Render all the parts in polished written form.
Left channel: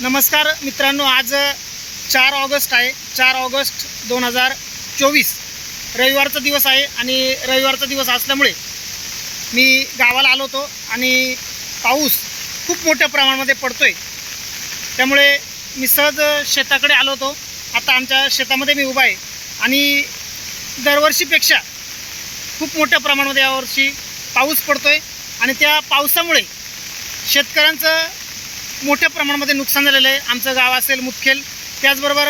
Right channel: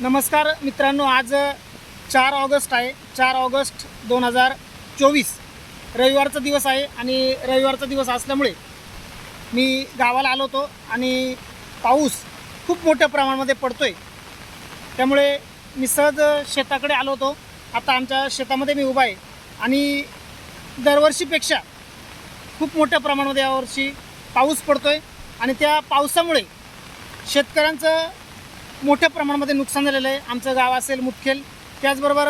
नमस्कार मित्रांनो, आज 4 ऑगस्ट आहे. 4 ऑगस्ट 2024 रविवारचा दिवस आहे आणि रविवारचा दिवस असल्यामुळे मी गावाला आलो होतो आणि पाऊस खूप मोठ्या प्रमाणामध्ये पडतोय. त्यामुळे मी सहज शेताकडे आलो होतो. आता आमच्या शेतामध्ये मी उभा आहे आणि दरवर्षीपेक्षा खूप मोठ्या प्रमाणामध्ये यावर्षी पाऊस पडतोय आणि त्या पावसामुळे शेतकऱ्यांचं मोठ्या प्रमाणामध्ये नुकसान झालेलं आहे. आमचं गाव असेल मुदखेल, त्याचबरोबर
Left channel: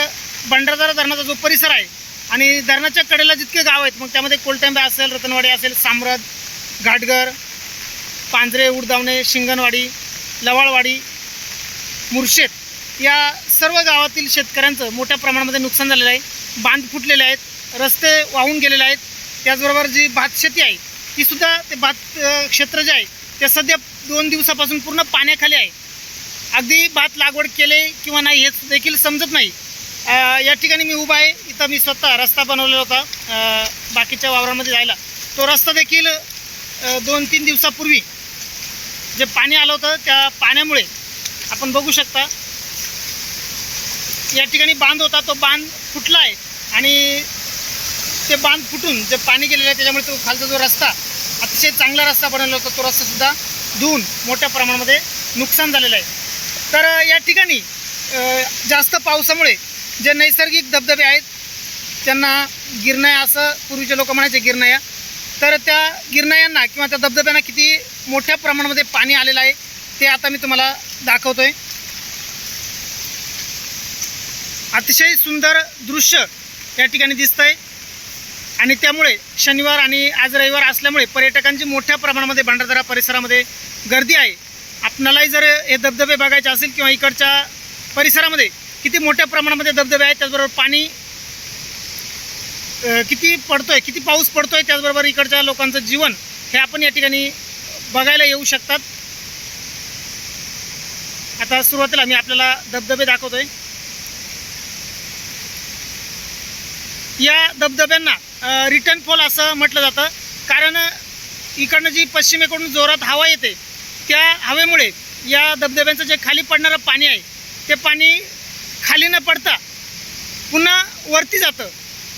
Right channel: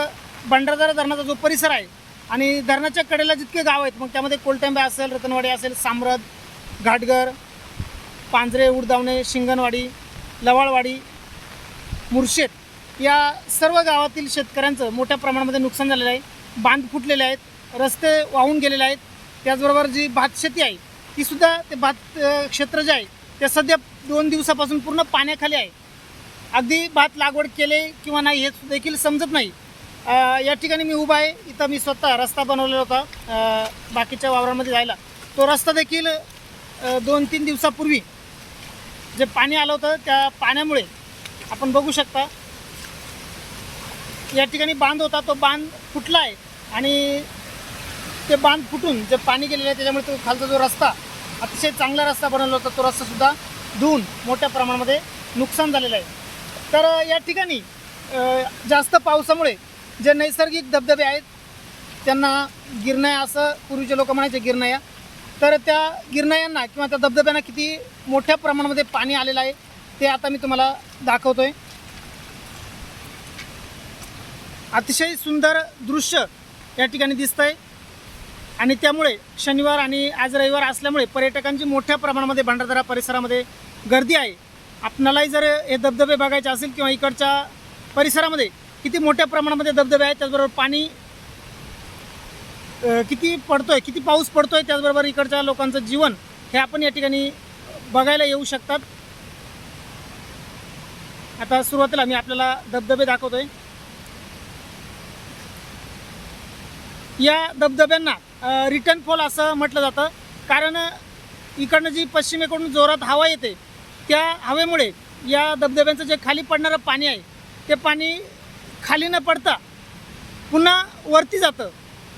भंडारदरा धरणाचा जो परिसर आहे आणि धरणाच्या कडेला जितके गाव आहेत, मग त्यामध्ये कोलटेंबे असेल, रतनवाडी असेल, सामरद, घाटघर, पांजरे, उडदावणे, शिंगणवाडी, लवाळवाडी, मुर्शेद या सर्व गावातील शेतकऱ्यांचं मोठ्या प्रमाणामध्ये नुकसान झालेलं आहे. बांध फुटलेले आहेत, रस्ते वाहून गेलेले आहेत. त्याचबरोबर जी भातशेती आहे तीसुद्धा, ते भात क्षेत्र जे आहे ते सध्या 2 दिवसापासून पूर्ण पाण्याखाली आहे. अगदी भात लागवड केले किंवा नाही हे देखील समजत नाही. या ठिकाणी मी उभा आहे. इथं मी स्वतः रस्ता बनवलेला होता बाकीच्या वावरांमध्ये जायला. तो रस्ता देखील 2-3 दिवसापूर्वी जे पाणी आलं होतं त्या पाण्यामुळे आपण बघू शकता या ठिकाणी बांध होता, तो बांध फुटला आहे आणि ते बांध फुटून जे पाणी गेलेलं आहे त्याच्यामुळे तो खालचा जो रस्ता, अतिशय चांगला रस्ता बनवला होता, तो रस्तासुद्धा धुवून मोठ्या प्रमाणामध्ये नुकसान झालेलं आहे. तर या ठिकाणी जास्त पावसामुळे जे नैसर्गिक धबधबे आहेत त्यांना गिरणाया असं पूर्वीचे लोक म्हणायचे, गिरणाया. तर त्या गिरणायांना किंवा त्या धबधब्यांना किती मोठ्या प्रमाणामध्ये पाणी आलेलं आहे ते आता मी तुम्हाला दाखवतो आहे. अतिशय सुंदर दृश्य या ठिकाणी दिसतं आहे आणि त्यामुळे शनिवार आणि आज रविवार असल्यामुळे पर्यटकांची मोठ्या प्रमाणामध्ये भंडारदरा परिसरामध्ये गर्दी आहे. आपणालाही जर हे धबधबे बघायचे असेल किंवा इकडच्या परिसरामध्ये किती मोठ्या प्रमाणामध्ये धबधबे आहेत, त्याचबरोबर पाणी किती पडतोय, किती पाऊस पडतोय, त्याचबरोबर इकडच्या लोकांचं जीवन हे आपण या ठिकाणी बघायला येऊ शकतात. आता सुरुवातीला मी आपल्याला धबधबे दाखवतोय. या धबधब्यांना रिटर्न फॉल असं म्हटलं जातं, कारण इकडनं जी पश्चिमेकडून जोरात हवा येते त्या हवेमुळे या धबधब्यांचं जे खाली पडणारं पाणी आहे ते पाणी खाली न पडता पुन्हा वरती जातं.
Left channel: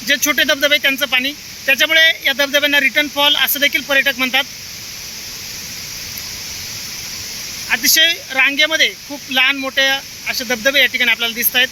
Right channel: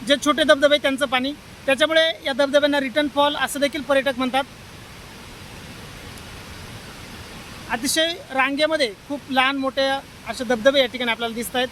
जे छोटे धबधबे त्यांचं पाणी, त्याच्यामुळे या धबधब्यांना रिटर्न फॉल असं देखील पर्यटक म्हणतात. अतिशय रांगेमध्ये खूप लहान मोठे असे धबधबे या ठिकाणी आपल्याला दिसत आहेत.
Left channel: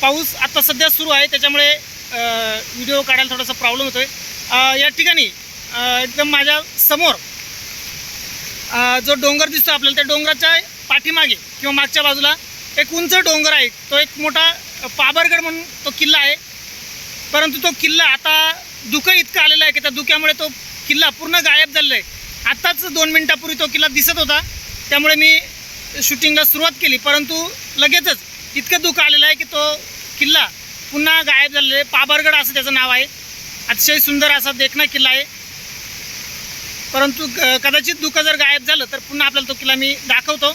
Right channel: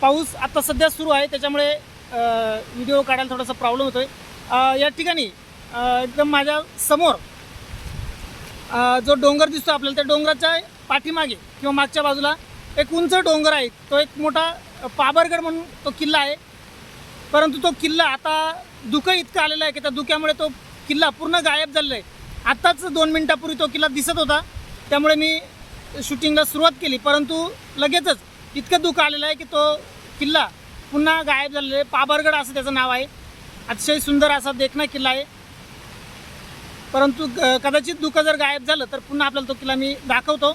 पाऊस आता सध्या सुरू आहे त्याच्यामुळे व्हिडिओ काढायला थोडासा प्रॉब्लेम होतो आहे. या ठिकाणी एकदम माझ्या समोर जो डोंगर दिसतो आपल्याला, त्या डोंगराच्या पाठीमागे किंवा मागच्या बाजूला एक उंच डोंगर आहे. तो एक मोठा पाबरगड म्हणून तो किल्ला आहे. परंतु तो किल्ला आता धुकं इतकं आलेलं आहे की त्या धुक्यामुळे तो किल्ला पूर्ण गायब झालेला आहे. आत्ताच 2 मिनिटापूर्वी तो किल्ला दिसत होता, त्यामुळे मी शूटिंगला सुरुवात केली. परंतु लगेचच इतकं धुकं आलेलं आहे की तो किल्ला पुन्हा गायब झालेला आहे. पाबरगड असं त्याचं नाव आहे. अतिशय सुंदर असा देखणा किल्ला आहे. परंतु कदाचित धुकं जर गायब झालं तर पुन्हा आपल्याला तो किल्ला मी दाखवतो.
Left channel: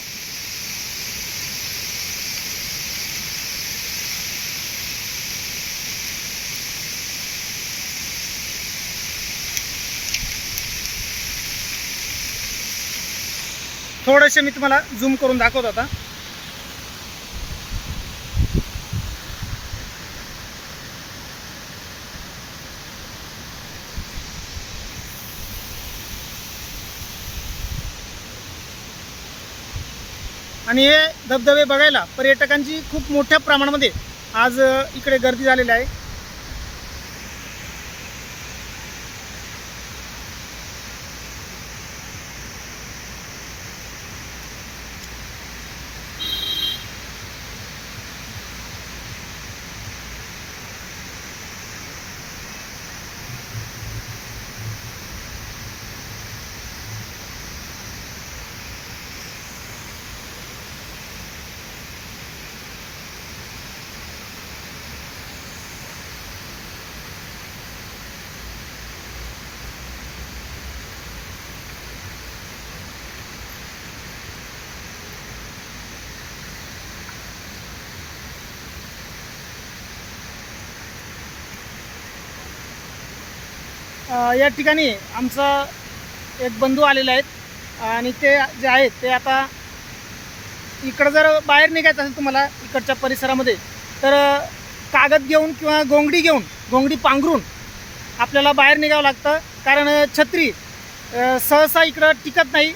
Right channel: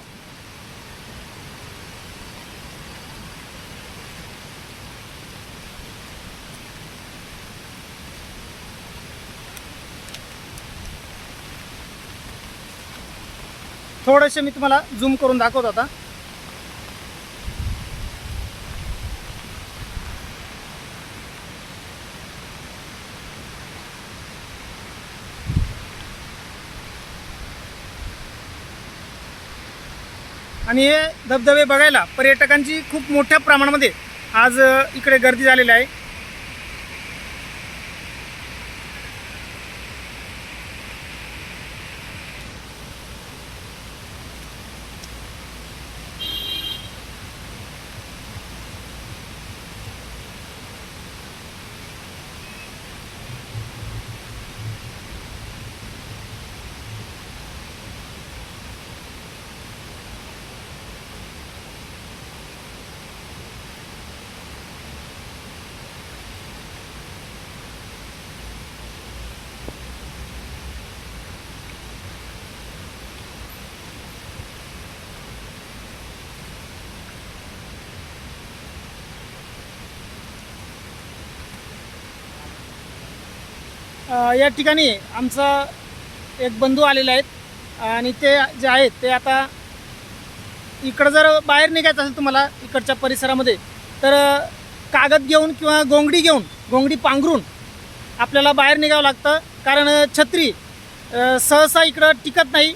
थोडेसे मी तुम्हाला झूम करून दाखवतो आता. आणि हे धबधबे बघायला पर्यटकांची खूप मोठ्या प्रमाणामध्ये आज इकडे गर्दी झालेली आहे. या ठिकाणी आमचा एक बंधू आलेले आहेत आणि ते जे आहेत ते आता इकडं जर बाहेर निघायचं असेल तुम्हाला इकडच्या परिसरामध्ये तर कागद घेऊन किंवा घोंगडी पांघरून आपल्याला बाहेर निघावं लागतं, कारण छत्री सहसा इकडं टिकत नाही,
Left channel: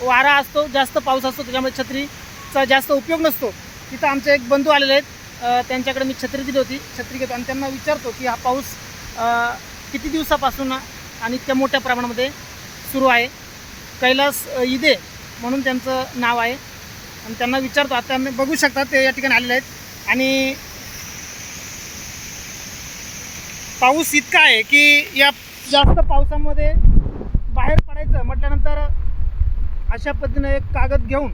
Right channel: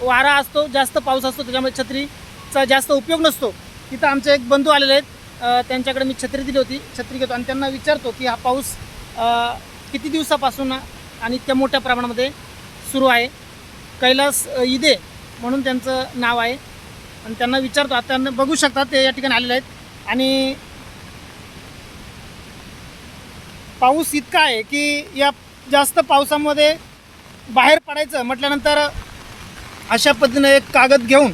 वारा असतो, जास्त पाऊस असतो, त्याच्यामुळे छत्रीचा जास्त उपयोग नसतो. तिथं आमचे एक बंधू आलेले आहेत, त्यांच्याकडे मी छत्री दिली होती, छत्री घेतो आणि त्यांना विचारतो की हा पाऊस किती दिवसापासून आणि इतक्या मोठ्या प्रमाणामध्ये सुरू आहे. कैलास इदे म्हणून त्यांचं नाव आहे आणि त्यांना विचारतो. आता बघू शकता ते या ठिकाणी आलेले आहेत आणि पाऊस इतका आहे की या जास्त पावसामध्ये बाहेर पडायचं म्हटल्यानंतर अशा पद्धतीनं एक कागद घेऊन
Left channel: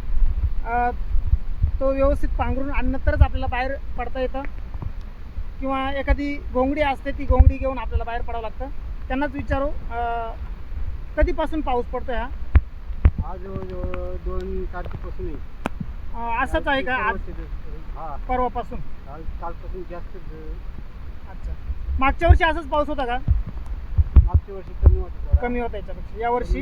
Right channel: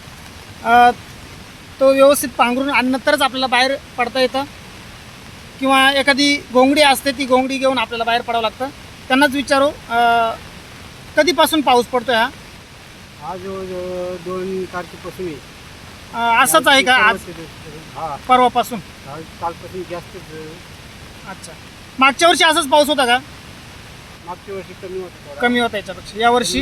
तो व्यवस्थित पांघरून आणि नंतरच आपल्याला बाहेर पडता येतं, किंवा एखादी घोंगडी असते ती घोंगडी घेऊन आपल्याला बाहेर पडावं लागतं. त्यांनाच विचारू कधीपासून पाऊस पडतो हा? आज 2 तारखेपासून असाच आहे का आज? हा, परवापासून? कालपासून जास्त. अच्छा, मागच्या वर्षी असाच पाऊस होता का? मागच्या वर्षी कमी होता, कमी होता याच्यापेक्षा. यावर्षी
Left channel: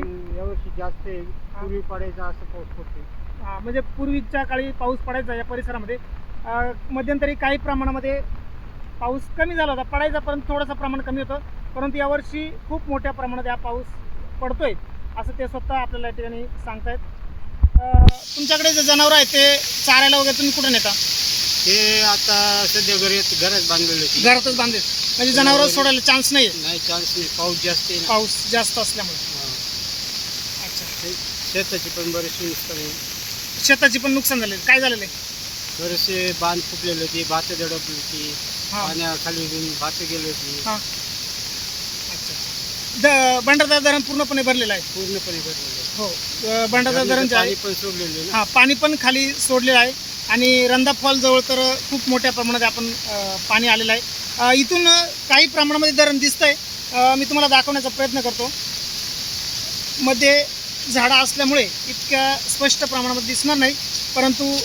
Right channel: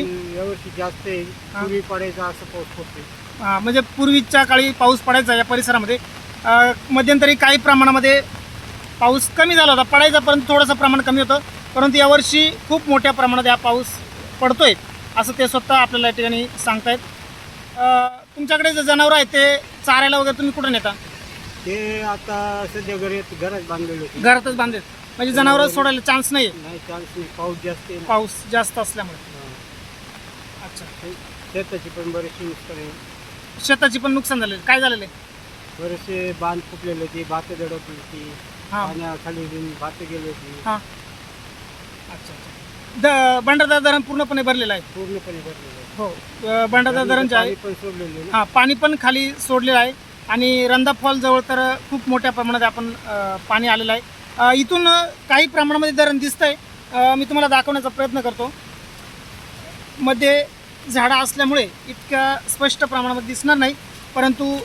जास्त आहे. पूर्वी पडायचा असं पाऊस पडतो. म्हणजे पूर्वीच्या काळी पाऊस पडायचा या परिसरामध्ये. मध्यंतरी काही प्रमाणामध्ये पाऊस कमी झाला होता, पडायचा, परंतु थोडंसं प्रमाण कमी होतं. परंतु यावर्षी खूप मोठ्या प्रमाणात हा पाऊस पडतोय असं ते स्वतः आपल्याला या ठिकाणी सांगतायत. तुमच्याकडे जे जनावरं आहेत ते चारायला वगैरे तुम्ही कुठं नेता? ते आता सध्या घरात बांधलेले होते. घरातच बांधले, म्हणजे जनावरं सोडायला चान्स नाही? नाही, चान्स नाही, पाऊस जास्त आहे. पाऊस जास्त असल्यामुळे. अच्छा, शेताची पण बरेचसे नुकसान आहे. शेताची पण नुकसान झालेलं. काय झालेलं आहे? बरेचसे बांध फुटलेले होते, भातं दडपली होती, हां पाण्याखाली भातं गेली होती. हां. अच्छा, भंडारदरा धरण पूर्णपणे भरलेलं आहे? पूर्णपणे भरलेलं आहे. हो, भंडारदरा धरण जे आहे पण सोडलेलं आहे. हां, पाणी पण खाली सोडलेलं आहे आणि रंधा फॉल जवळ तर खूप मोठ्या प्रमाणात आपण पाणी आलेलं आहे. इथून काही प्रमाणामध्ये धरण दिसतंय, मी तुम्हाला दाखवण्याचा प्रयत्न करतो. मध्ये झाडं असल्यामुळे इतक्या स्पष्ट प्रमाणामध्ये दिसणार नाही, परंतु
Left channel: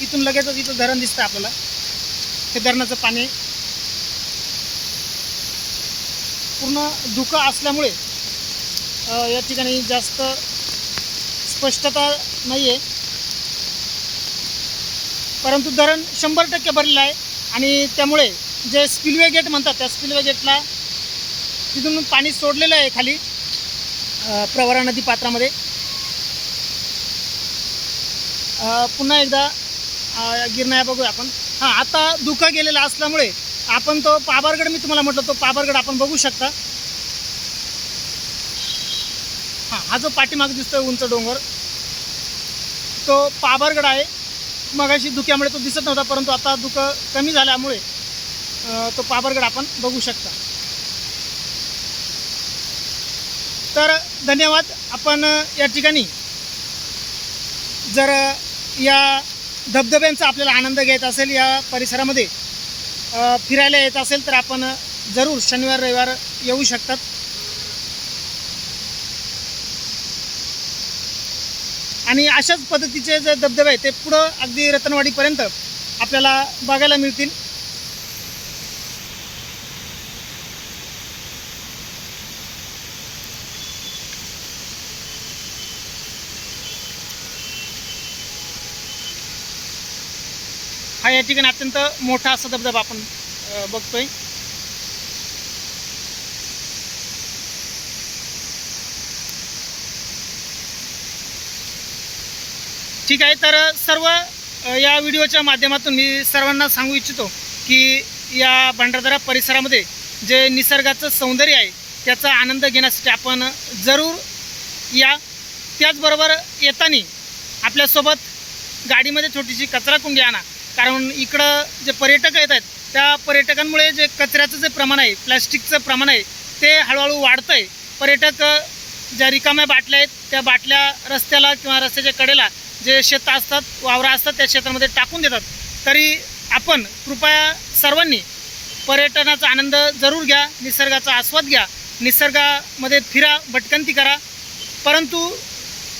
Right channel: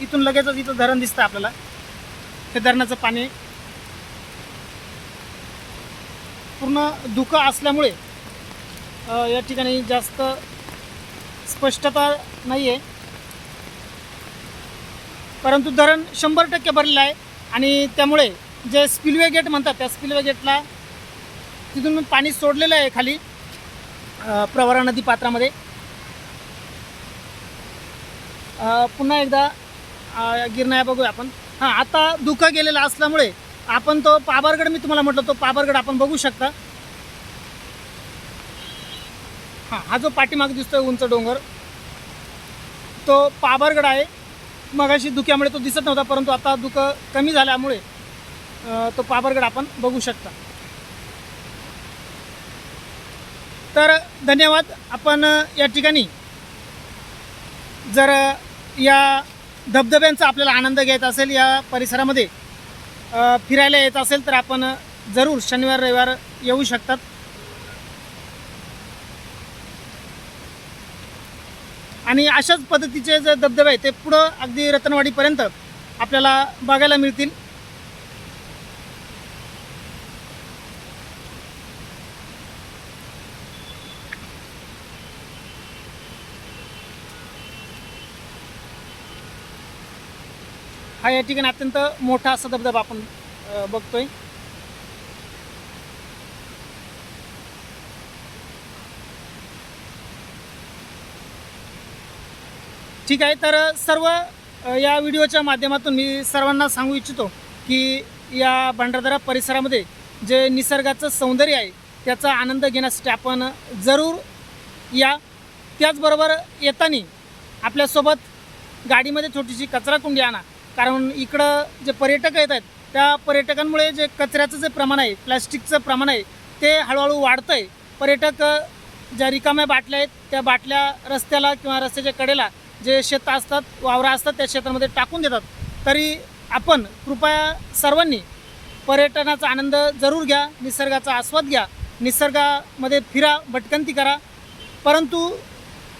इथून लगेचच इथं धरण दिसतं आपल्याला. हे धरणाचं पाणी पूर्ण धुकं असल्यामुळे या ठिकाणी जास्त स्पष्टता नाही आहे, परंतु धरण 100% भरलेलं आहे आणि त्यामुळे जे स्पिलवे गेट म्हणतात त्या स्पिलवे गेटला तिथून पाणी सोडलेलं आहे खाली प्रवरा नदी पात्रामध्ये. पुन्हा एकदा गिरणाया बघूया आपण. हां, आता धुकं गेलेलं असल्यामुळे आपण तो पाबरगड, मी तुम्हाला म्हटलं तो पाबरगड आपण बघू शकता. हां, हा जो पाठीमाग दिसतोय उंच डोंगर तो पाबरगड आहे. मगाशी धुक्यामुळे तो दिसत नव्हता, परंतु आता धुकं कमी झाल्यामुळे तो पाबरगड आपण बघू शकता. तर धन्यवाद. आपण या ठिकाणी जर या धबधब्यांचा आपल्याला आनंद घ्यायचा असेल, या परिसरामध्ये फिरायला येत असेल तर आपण जरूर शनिवार रविवार येऊ शकतात. आणि अशाच पद्धतीचे जे धबधबे आहेत ते पुढं अगदी रतनवाडीपर्यंत आपल्याला बघायला मिळतील. हा या ठिकाणी अत्यंत मोठा असा धबधबा आपण बघतोय. ठीक आहे, तर सर्व या व्हिडिओच्या माध्यमातून मी सर्वांना सांगू इच्छितो की या भंडारदरा परिसरामध्ये जे निसर्गाचं सौंदर्य आहे त्याचा आनंद घेण्यासाठी आपण जरूर या. त्याचबरोबर येताना आपल्यासोबत गाडीमध्ये छोटीशी कचराकुंडी आणा, कारण इकडं जे पर्यटक येत आहेत त्या पर्यटकांमुळे जे कचऱ्याचं जे प्रमाण आहे, प्लॅस्टिकचं प्रमाण आहे ते हळूहळू वाढतं आहे. पर्यटक ज्या रिकाम्या बाटल्या आहेत त्या बाटल्या रस्त्याला किंवा रस्त्याच्या कडेला जे शेतं असतात, वावरा असतात त्या शेतामध्ये टाकून देतात. तरी आपण कृपया सर्वांनी पर्यटनाचा आनंद जरूर घ्या, निसर्गाचा आस्वाद घ्या, निसर्गामध्ये फिरा, भटकंती करा, परंतु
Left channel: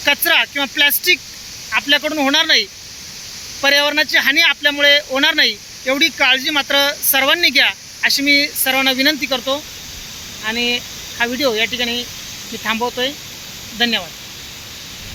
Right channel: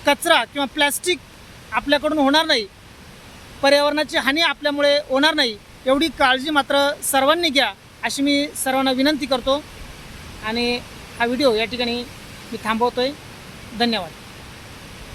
कचरा किंवा प्लॅस्टिक आपल्याकडून होणार नाही, पर्यावरणाची हानी आपल्यामुळे होणार नाही, एवढी काळजी मात्र सर्वांनी घ्या अशी मी सर्वांना विनंती करतो. आणि हा व्हिडिओ या ठिकाणी मी थांबवतो आहे. धन्यवाद.